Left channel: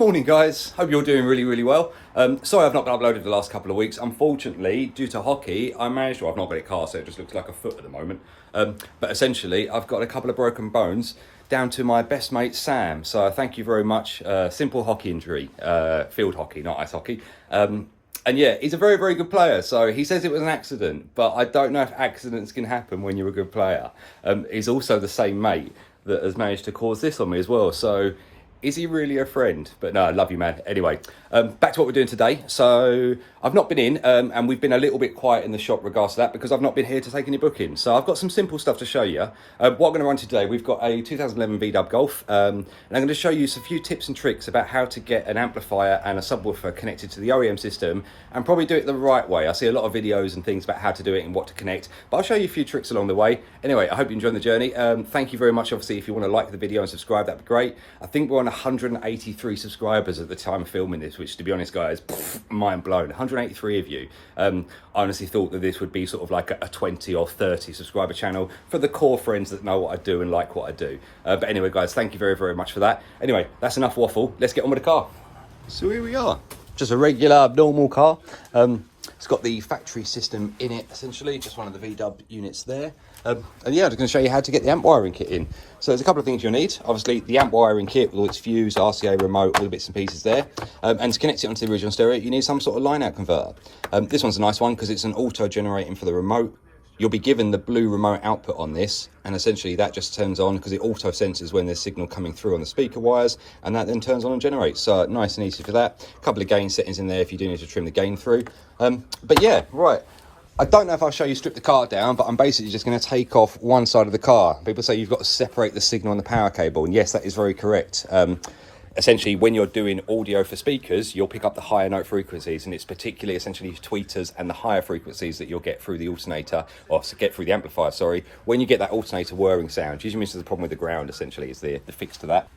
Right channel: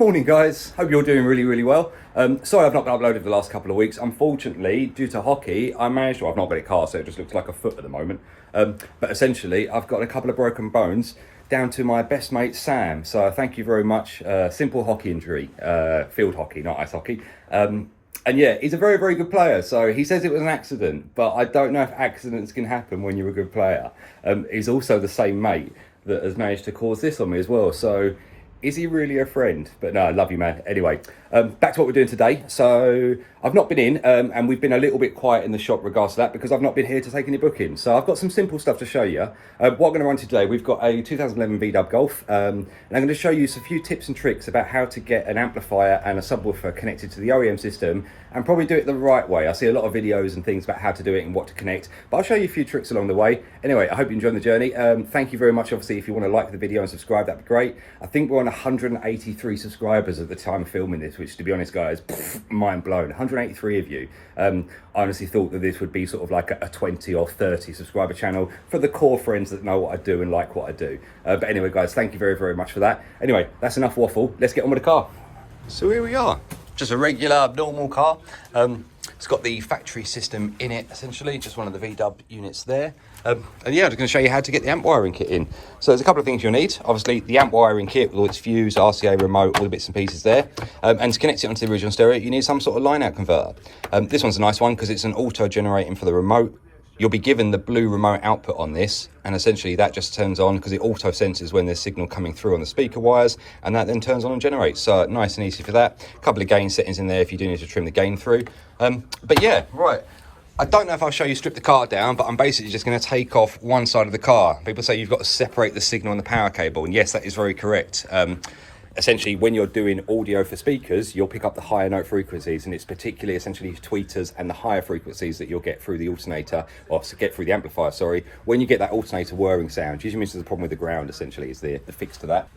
Morning guys, hope you're doing really well. Sorry I've not been uploaded the last couple of weeks. Unfortunately, due to hockey, I've not got a car, so it just looks like a foot at the moment. But essentially, I've got a couple of broken bones down to my best mate Sam. So thank you very much. Simple hockey injury, field hockey, not ice hockey. And yeah, he's a very good player. So he says it was an accident, but I don't know if accidents can happen when you're a good player. He's also the same mate that has managed to cause this on me as well. So is he really a friend? But no, I love you, man. Anyway, back to what we're doing today. So I've not been in, and we've been a little bit quiet in the shop regards to that because I've not been here to take any bookings. So I've got some simple stuff to show you. What I'm going to run today, we've got a 2011 VW Golf, and I'm going to show you a few tips and tricks about how to get an amplifier and a subwoofer connected to the OEM system, and probably do it the right way. I see a lot of videos and things about how to do it and what to connect, but I'll show you a few tricks along the way. Anyway, I hope you enjoy the journey. Thank you very much. Obviously, if you want to like the video and subscribe, that'd be great. I think we're on 183 subscribers at the time of filming this, which, to be honest guys, mind blown. 183 of you. I honestly thought that this would be sort of like a 20 or 30 subscriber channel for the core friends that know what I do and like what I do. But anyway guys, thank you very much for that. Anyway, that's enough waffle. Let's get on with the car. So here we are, just a regular normal car. It's got the factory system in it, essentially, just one of the VW units there. And yeah, I'm just going to show you how to get the amp wiring kit in. So there's a couple of things you'll need. Obviously, the amp wiring kit with all its fuse, RCA remote, all the bits and pieces there. And to connect it onto the original stereo, you need some sort of line-out converter. This one's a nice one because it's an auto-generating for the remote. You'll be given the blue remote output on this, and essentially that just turns on because it auto senses when there's signal coming through on the speaker wires, and that then turns on and generates. So nice and easy for that. A couple of gain settings in there if you do need to trim the gain through. But yeah, right. I don't know if I'll show you strip the car down, but I'm basically just going to take off one side of the car. People say you've got to separate the signal and the power cable, and yes, that is very correct. Essentially, when you're doing audio for speakers, you'll pick up the higher note frequencies, and it's particularly essentially tweeters and the higher frequencies that you'll get through the alternator, or get through the amplifier, sorry. When you get that alternator whirring sound, usually means there's a problem with the ground, essentially, is the fix to that.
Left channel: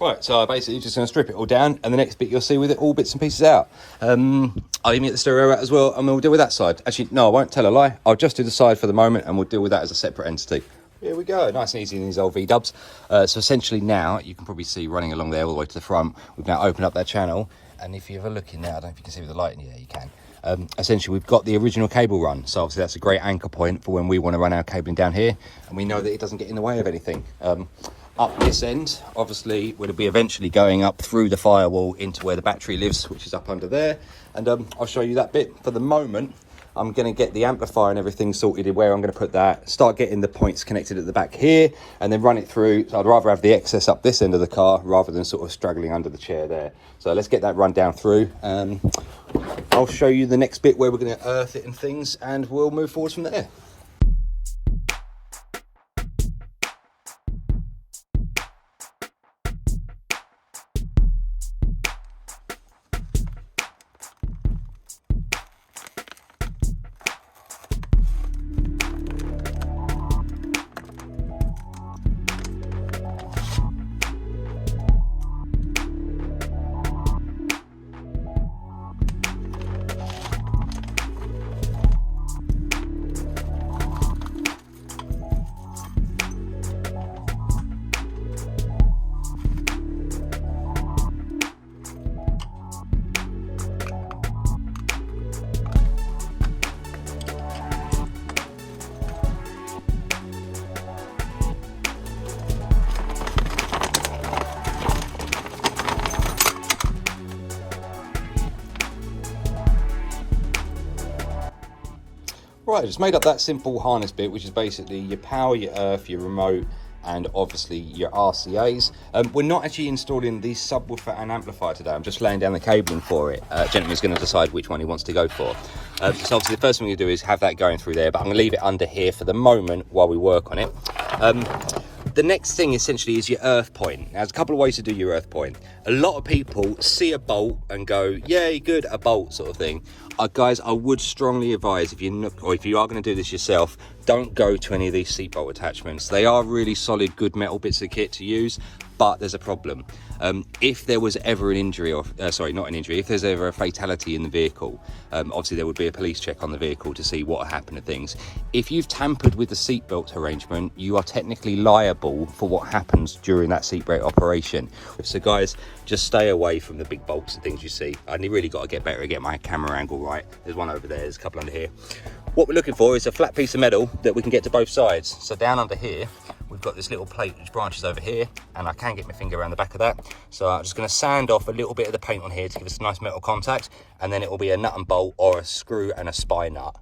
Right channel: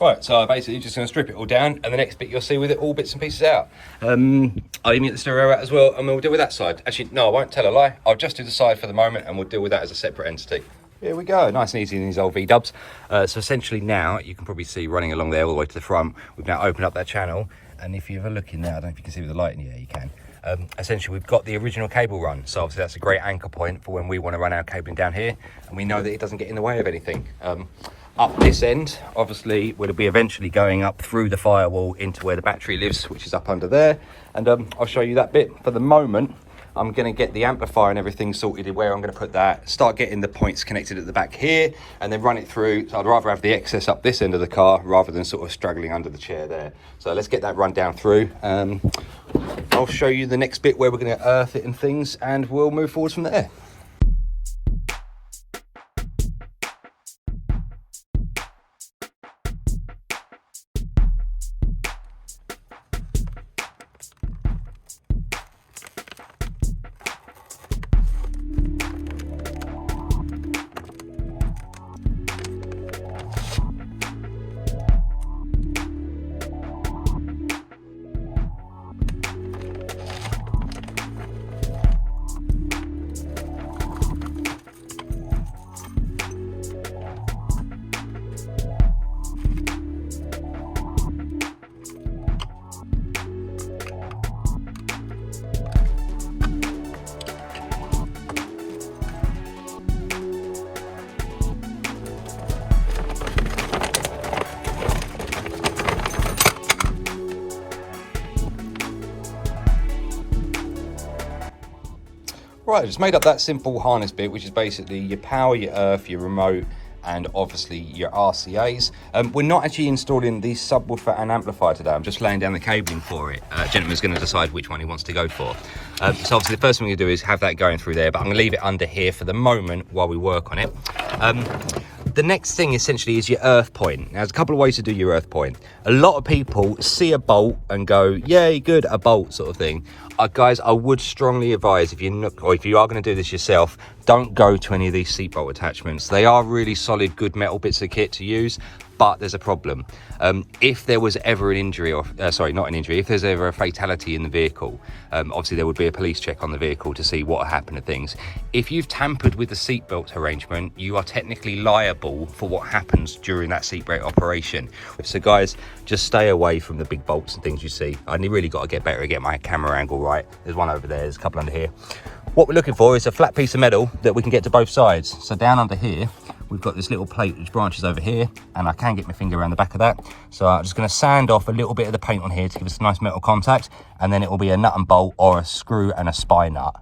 Right, so basically just going to strip it all down, and the next bit you'll see with it all bits and pieces out. I'll even get the stereo out as well, and we'll deal with that side. Actually, no, I won't tell a lie. I'll just do the side for the moment, and we'll deal with that as a separate entity. Here we go, nice and easy in these old V-dubs. So essentially now, you can probably see running along there all the way to the front, we've now opened up that channel, and if you have a look in there, I don't know if you can see with the light in here, you can. Essentially, we've got the original cable run, so obviously that's a great anchor point for when we want to run our cabling down here, and we know that it doesn't get in the way of anything. Up this end, obviously, we'll be eventually going up through the firewall into where the battery lives, which is up under there, and I'll show you that bit. For the moment, I'm going to get the amplifier and everything sorted where I'm going to put that, start getting the points connected at the back here, and then run it through. So I'd rather have the excess up this end of the car rather than sort of struggling under the chair there. So let's get that run down through. I'll show you the next bit where we're going to earth it and things, and we'll move forward from there. Right, just made up that simple harness bit, which is basically your power, your earth, your remote, and obviously your RCAs. We're not actually installing the subwoofer and amplifier today. I'm just laying down the cabling for it. Gentleman's going to decide which one he wants to go for. So obviously the first thing we do is have that going through there, but I'm going to leave it under here for the moment while we work on it. The next thing essentially is your earth point. Now, there's a couple of ways to do your earth point. A lot of people see a bolt and go, yay, good, a bolt sort of thing. Guys, I would strongly advise, if you are going to do this yourself, don't go to any of these seatbelt attachments. They are really solid, good metal bits of kit to use, but there's a problem. If there was ever an injury, or sorry, not an injury, if there's ever a fatality in the vehicle, obviously there would be a police check on the vehicle to see what happened to things. If you've tampered with the seatbelt arrangement, you are technically liable for what happens during that seatbelt operation. So guys, just stay away from the big bolts and things you see. I really got to get better at get my camera angle right. There's one over there, there's a couple under here. What we're looking for is a flat piece of metal that we can get to both sides. So down under here, we've got this little plate which branches over here, and I can get my finger around the back of that. So I'm just going to sand off a little bit of the paint on here to give us a nice metal contact, and then it will be a nut and bolt or a screw and a spy nut.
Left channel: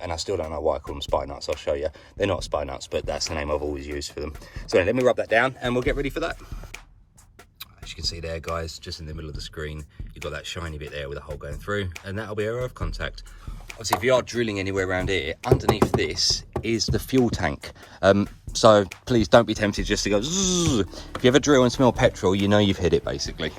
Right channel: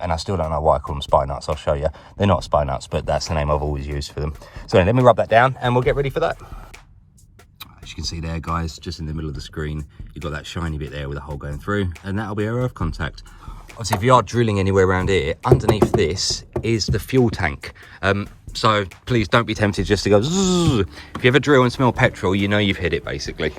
And I still don't know why I call them spy nuts. I'll show you. They're not spy nuts, but that's the name I've always used for them. So let me rub that down and we'll get ready for that. As you can see there, guys, just in the middle of the screen, you've got that shiny bit there with a hole going through, and that'll be our earth contact. Obviously, if you are drilling anywhere around here, underneath this is the fuel tank. So please don't be tempted just to go zzz. If you ever drill and smell petrol, you know you've hit it, basically.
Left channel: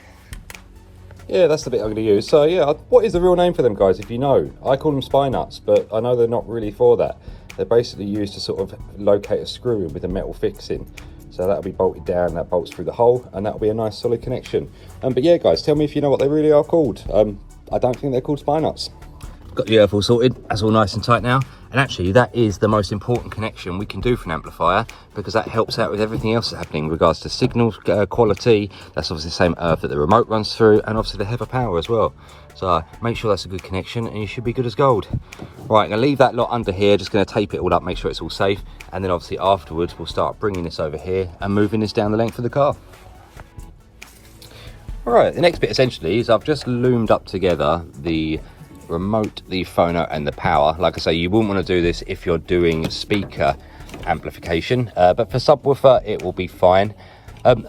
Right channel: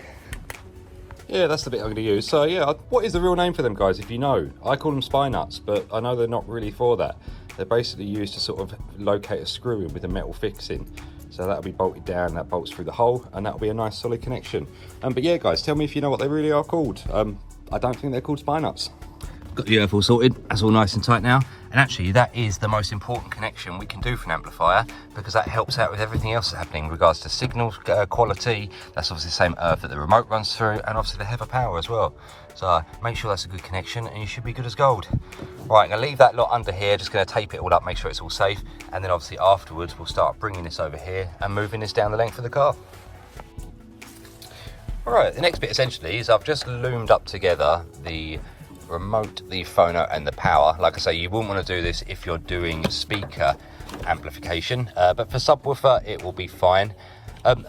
Yeah, that's the bit I'm going to use. So yeah, what is the real name for them, guys, if you know? I call them spy nuts, but I know they're not really for that. They're basically used to sort of locate a screw in with a metal fixing. So that'll be bolted down, that bolts through the hole, and that'll be a nice solid connection. But yeah, guys, tell me if you know what they really are called. I don't think they're called spy nuts. Got the earth all sorted, that's all nice and tight now. And actually that is the most important connection we can do for an amplifier, because that helps out with everything else that's happening in regards to signal quality. That's obviously the same earth that the remote runs through, and obviously the header power as well. So make sure that's a good connection and you should be good as gold. Right, I'm gonna leave that lot under here, just gonna tape it all up, make sure it's all safe. And then obviously afterwards we'll start bringing this over here and moving this down the length of the car. All right, the next bit essentially is I've just loomed up together the remote, the phono and the power. Like I say, you wouldn't want to do this if you're doing speaker amplification, but for subwoofer it will be fine.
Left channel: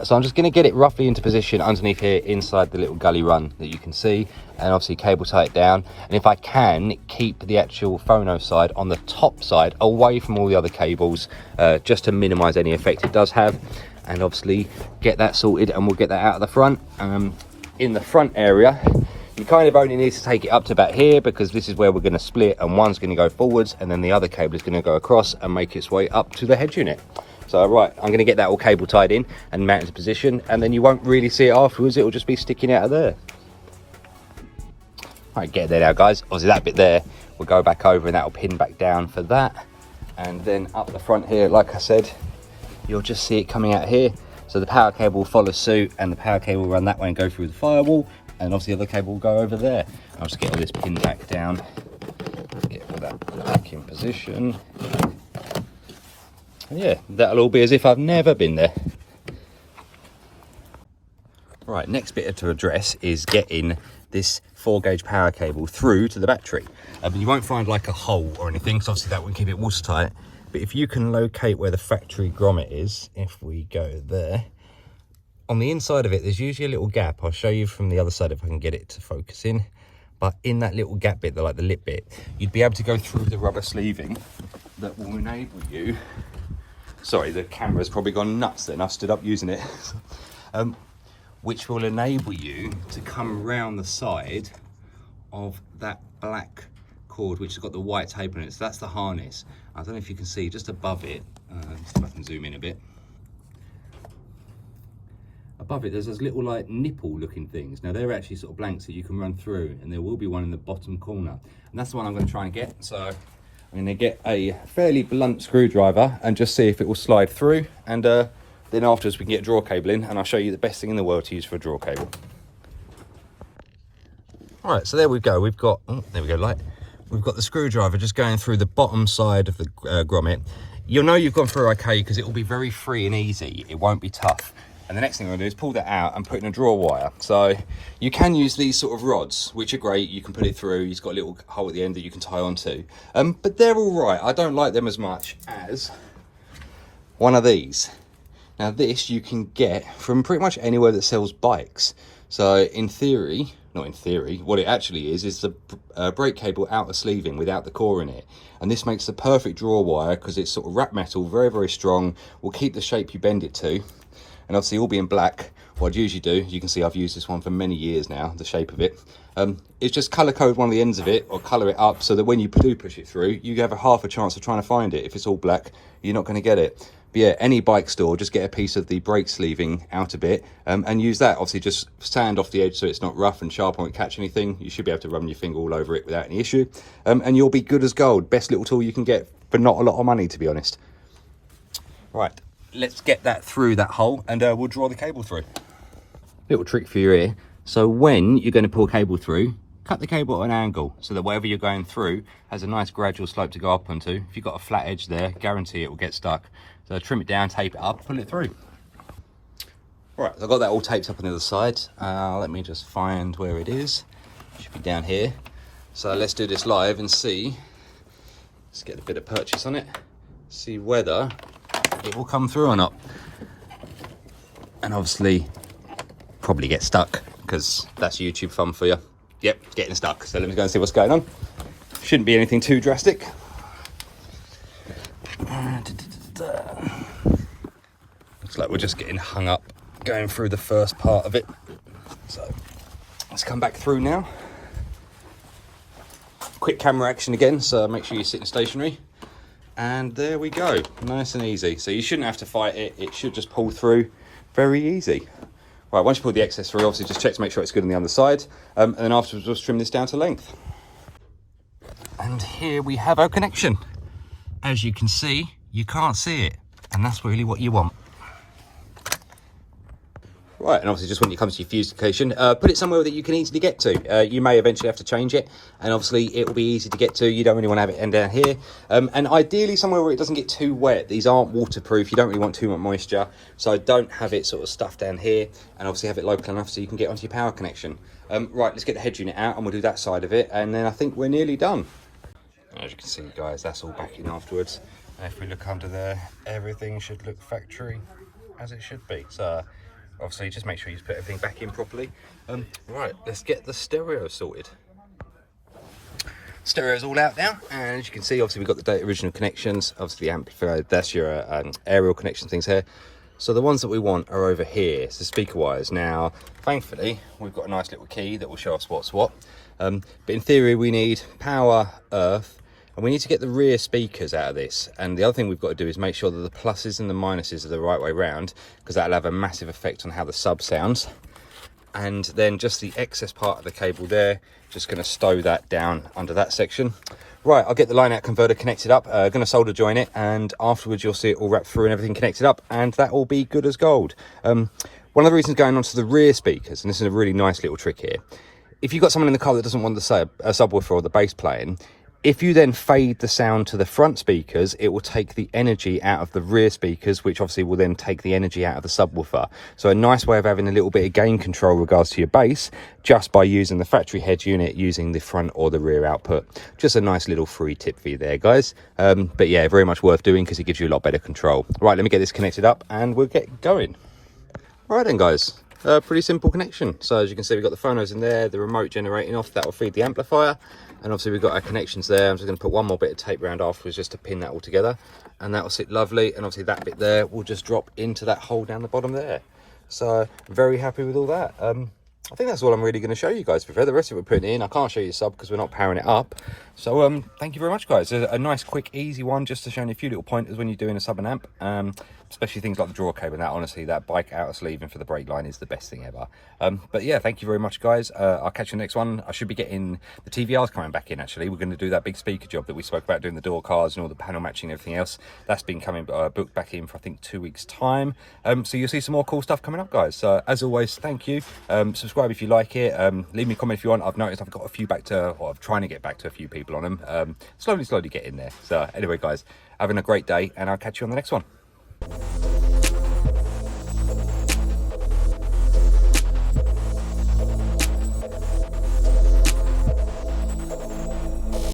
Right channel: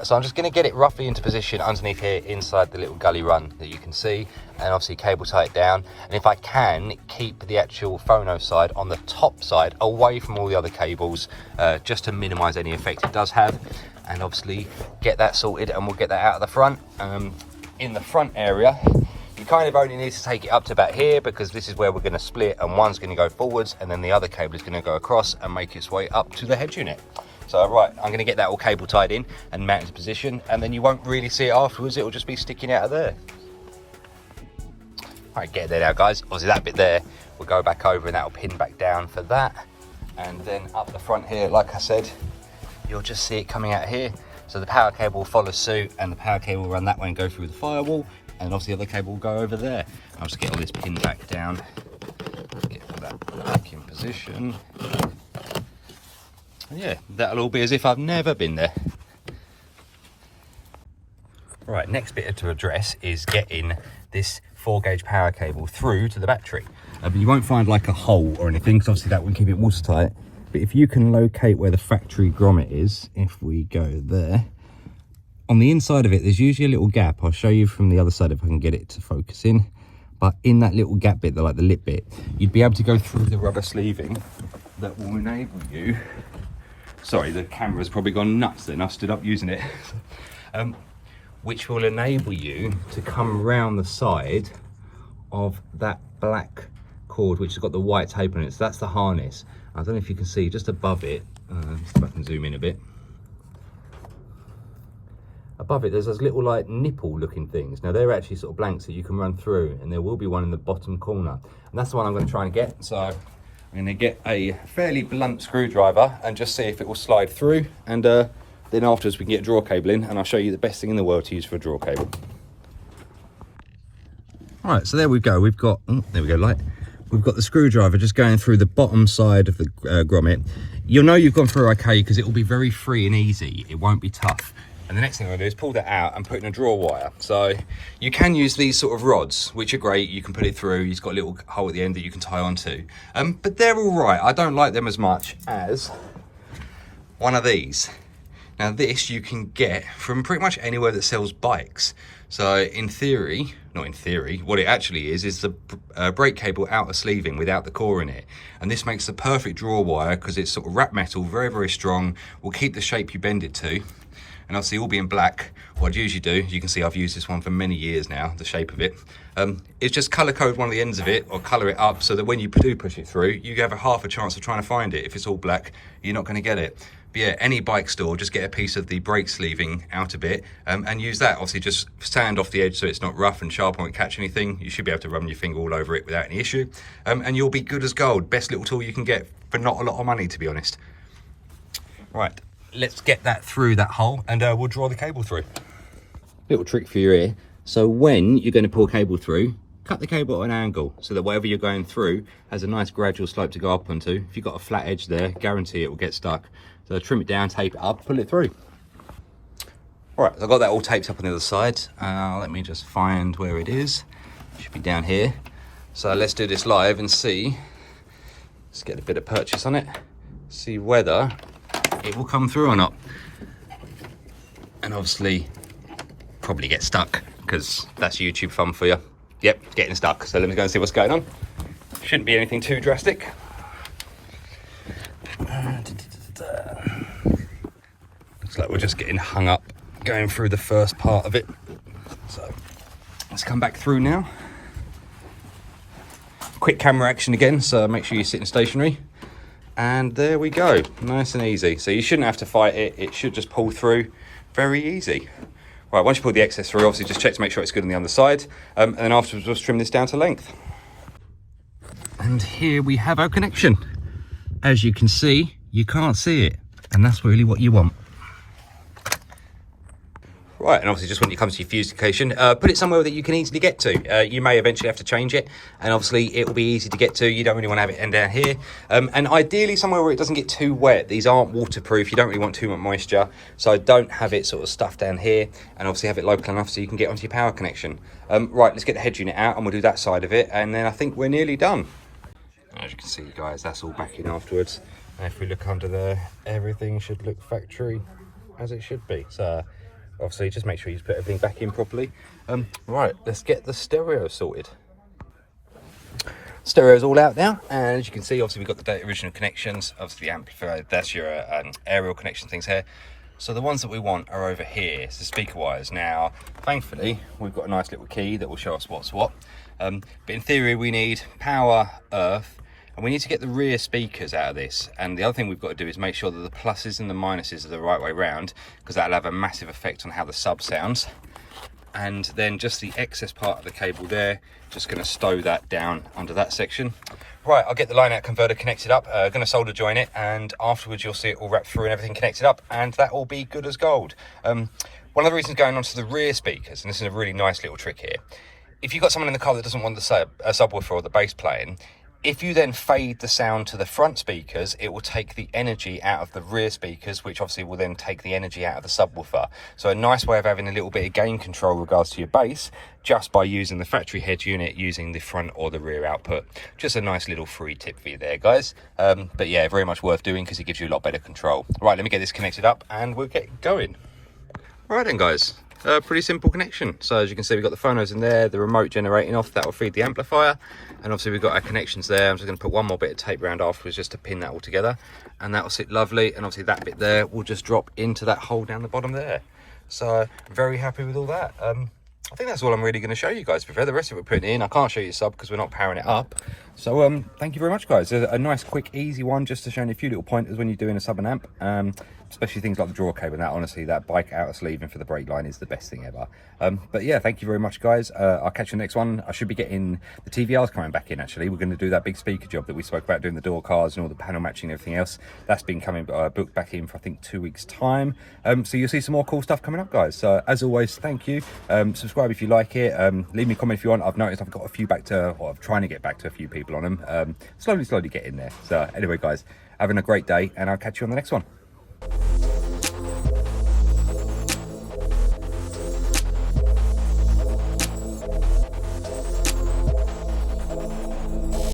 So I'm just going to get it roughly into position underneath here inside the little gully run that you can see, and obviously cable tie it down. And if I can, keep the actual phono side on the top side away from all the other cables, just to minimize any effect it does have. And obviously get that sorted, and we'll get that out of the front. In the front area, you kind of only need to take it up to about here, because this is where we're going to split, and one's going to go forwards and then the other cable is going to go across and make its way up to the head unit. So right, I'm going to get that all cable tied in and mount into position, and then you won't really see it afterwards, it will just be sticking out of there. Right, get there now, guys. Obviously that bit there will go back over and that will pin back down for that. And then up the front here, like I said, you'll just see it coming out here. So the power cable will follow suit, and the power cable will run that way and go through the firewall, and obviously the other cable will go over there. I'll just get all this pinned back down, get that back in position. And yeah, that'll all be as if I've never been there. Right, next bit to address is getting this 4-gauge power cable through to the battery. You won't find like a hole or anything, because obviously that wouldn't keep it watertight. But if you can locate where the factory grommet is, if we go there, on the inside of it, there's usually a little gap. I'll show you from the other side if I can get it to focus in. But in that little gap bit, like the lip bit, you'd be able to go through the rubber sleeving that will enable you. Sorry, the camera's probably gone nuts then. I've stood up using it. Which will enable you to come round the side of that black cord, which has got the white tape on it. So that's the harness. I don't know if you can see just above it. Let's see if I can zoom in a bit. Above it, there's those little like nipple looking things. Now they're actually sort of blanks that you can run through, and there will be one in the bottom corner. And that's the one I'm going to try and get. So I'm going to get a fairly blunt screwdriver and just see if it will slide through. And then afterwards we can get a draw cable in, and I'll show you the best thing in the world to use for a draw cable. All right, so there we go. We've got, oh, there we go, light. We've got the screwdriver just going through the bottom side of the grommet. You'll know you've gone through okay, because it will be very free and easy. It won't be tough. And the next thing I'm going to do is pull that out and put in a draw wire. So you can use these sort of rods, which are great. You can put it through. You've got a little hole at the end that you can tie onto. But they're all right. I don't like them as much as one of these. Now this you can get from pretty much anywhere that sells bikes. So in theory, not in theory, what it actually is the brake cable outer sleeving without the core in it. And this makes the perfect draw wire, because it's sort of wrap metal, very, very strong, will keep the shape you bend it to. And obviously all being black, what I'd usually do, you can see I've used this one for many years now, the shape of it, is just colour code one of the ends of it or colour it up so that when you do push it through, you have a half a chance of trying to find it. If it's all black, you're not going to get it. But yeah, any bike store, just get a piece of the brake sleeving out a bit and use that. Obviously just sand off the edge so it's not rough and sharp and won't catch anything. You should be able to run your finger all over it without any issue. And you'll be good as gold. Best little tool you can get for not a lot of money, to be honest. Right, let's get that through that hole and we'll draw the cable through. Little trick for your ear. So when you're going to pull cable through, cut the cable at an angle so that whatever you're going through has a nice gradual slope to go up onto. If you've got a flat edge there, guarantee it will get stuck. So trim it down, tape it up, pull it through. All right, I've got that all taped up on the other side. Let me just find where it is. It should be down here. So let's do this live and see. Let's get a bit of purchase on it. See whether it will come through or not. And obviously, probably get stuck because that's YouTube fun for you. Yep, it's getting stuck. So let me go and see what's going on. Shouldn't be anything too drastic. Looks like we're just getting hung up going through the first part of it. So let's come back through now. Quick camera action again, so make sure you're sitting stationary. And there we go, nice and easy. So you shouldn't have to fight it. It should just pull through very easy. Right, once you pull the excess through, obviously just check to make sure it's good on the underside. And then afterwards, just trim this down to length. And here we have our connection. As you can see, you can't see it. And that's really what you want. Right, and obviously just when you come to your fuse location, put it somewhere that you can easily get to. You may eventually have to change it, and obviously it will be easy to get to. You don't really want to have it end down here. And ideally somewhere where it doesn't get too wet. These aren't waterproof, you don't really want too much moisture. So don't have it sort of stuffed down here, and obviously have it local enough so you can get onto your power connection. Right, let's get the head unit out and we'll do that side of it, and then I think we're nearly done. As you can see, guys, that's all back in afterwards. If we look under there, everything should look factory as it should be. So obviously just make sure you put everything back in properly. Right, let's get the stereo sorted. Stereo's all out now, and as you can see, obviously we've got the original connections, obviously the amplifier, that's your aerial connection things here. So the ones that we want are over here, so speaker wires. Now, thankfully, we've got a nice little key that will show us what's what. But in theory, we need power, earth, and we need to get the rear speakers out of this. And the other thing we've got to do is make sure that the pluses and the minuses are the right way round, because that'll have a massive effect on how the sub sounds. And then just the excess part of the cable there, just going to stow that down under that section. Right, I'll get the line out converter connected up, going to solder join it, and afterwards you'll see it all wrapped through and everything connected up, and that will be good as gold. One of the reasons going on to the rear speakers, and this is a really nice little trick here, if you've got someone in the car that doesn't want the subwoofer or the bass playing, if you then fade the sound to the front speakers, it will take the energy out of the rear speakers, which obviously will then take the energy out of the subwoofer. So a nice way of having a little bit of gain control in regards to your bass, just by using the factory head unit, using the front or the rear output. Just a nice little free tip for you there, guys. But yeah, very much worth doing because it gives you a lot better control. Right, let me get this connected up and we'll get going. Right then, guys. Pretty simple connection. So as you can see, we've got the phonos in there, the remote generating off, that will feed the amplifier, and obviously we've got our connections there. I'm just going to put one more bit of tape around afterwards just to pin that all together, and that will sit lovely. And obviously that bit there will just drop into that hole down the bottom there. So very happy with all that. I think that's all I'm really going to show you guys. The rest of it we're putting in, I can't show you the sub because we're not powering it up. So thank you very much, guys. A nice quick easy one just to show you a few little pointers when you're doing a sub and amp, especially things like the draw cable and that. Honestly, that bike outer sleeving for the brake line is the best thing ever. But yeah, thank you very much, guys. I'll catch you next one. I should be getting the TVRs coming back in. Actually, we're going to do that big speaker job that we spoke about, doing the door cars and all the panel matching and everything else. That's been coming booked back in for I think 2 weeks time. So you'll see some more cool stuff coming up, guys. So as always, thank you. Subscribe if you like it. Leave me a comment if you want. I've noticed I've got a few back to, or I'm trying to get back to a few people on them. Slowly get in there. So anyway, guys, having a great day, and I'll catch you on the next one.